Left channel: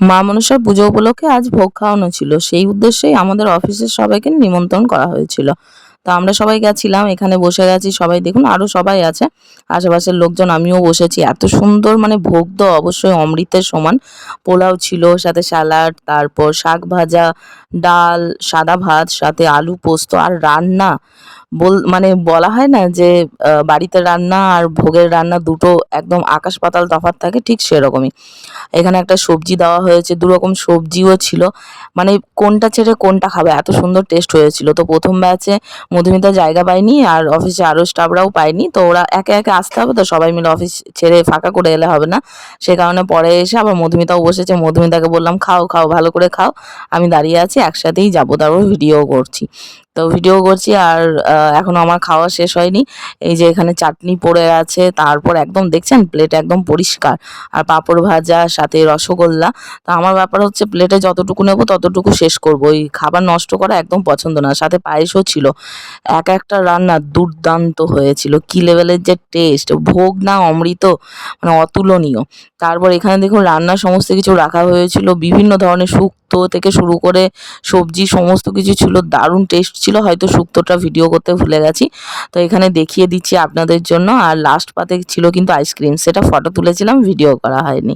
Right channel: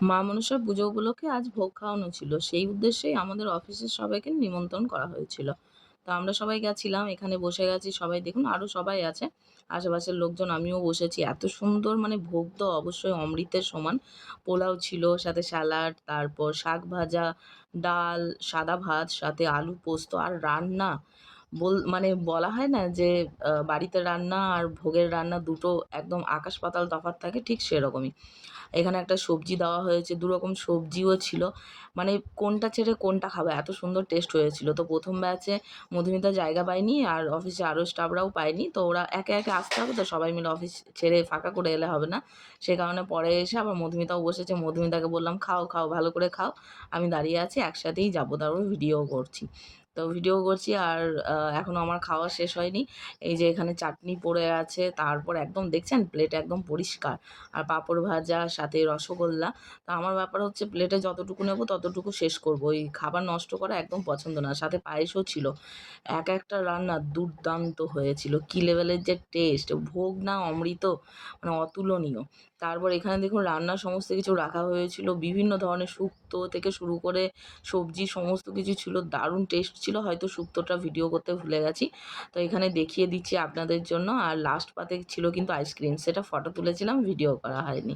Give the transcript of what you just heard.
মা মনসার পুজো উপলক্ষে আজ ভোগ খাওয়ানো ছিল, সেই উদ্দেশ্যেই আমাদের অফিসের সবাইকে নিমন্ত্রণ করা হয়েছিল। তো আমরা সবাই গেছিলাম, এখানে বসে গেছি সবাই, দেখুন আরো সবাই আছে আশেপাশের লোকজন, আমিও বসেছি। এত সুন্দর মানে ভোগ তো অবশ্যই অমৃতের সমান। পোলাও ছিল, সাথে স্যালাড, তারপর শাক ভাজা, ডাল, সাদা ভাত, সাথে আলু পোস্ত আর রান্না। মানে বলা হয় না যে বাড়িতে রান্না আর ভোগের রান্না দুটো একদম আকাশ পাতাল তফাৎ থাকে, ঠিক সেরকমই। এখানে একটা সবজি দেওয়া হয়েছে, ২ রকম সবজিও ছিল। মানে কোনটা ছেড়ে কোনটা খাবে, এত সুন্দর টেস্ট হয়েছিল। তো ১ম ব্যাচে মধুমিতা জায়গা পায়নি আর অফিসে আরও স্টাফরাও পায়নি। তো ওরা একে, একে আসতে হবে, তো সবাই মিলে অফিস ছেড়ে ফাঁকা করে এলে হবে না। সে কারণে পরে এসে আবার মধুমিতাও বসেছে। মধুমিতাকে বললাম, "খাও, খাও, ভালো করে খাও। আমি দাঁড়িয়ে আছি, একসাথেই যাবো।" তারপর ভিডিও করছি। তো ভিডিও করছি আর এখনো আমার খাওয়া শেষ হয়নি। এই যে এখানে চাটনি পড়ে আছে, তারপর একদম দেখছেন প্লেট একদম পরিষ্কার। আর পাঁপড় ভাজা, সাথে রসগোল্লা। তো আমার ব্যাপার হচ্ছে প্লেটে যতটুকু নেব ততটুকু শেষ করব। ওই খাবার নষ্ট করা একদম পছন্দ না। সাথে পায়েসও ছিল। এক একটা রান্না দুর্দান্ত হয়েছিল। কি লেভেলের যে টেস্ট! ভোগ না অমৃত, মানে অতুলনীয়। তারপর এখানে দেখুন রান্নার সমস্ত কিছু রাখা হয়েছিল। বিভিন্ন ধরনের শুক্তো থেকে শুরু করে সবজি সমস্ত কিছু ছিল। দারুণ টেস্ট ছিল। হয়তো শুক্তোটা ভিডিও করতে ভুলে গেছি। তো এখানে দেখিয়ে দিচ্ছি আপনাদের জন্য। আর লাস্ট পাতে ছিল কিন্তু আইসক্রিম। সেটা ফটো তুলেছিলাম, ভিডিও করা হয়নি।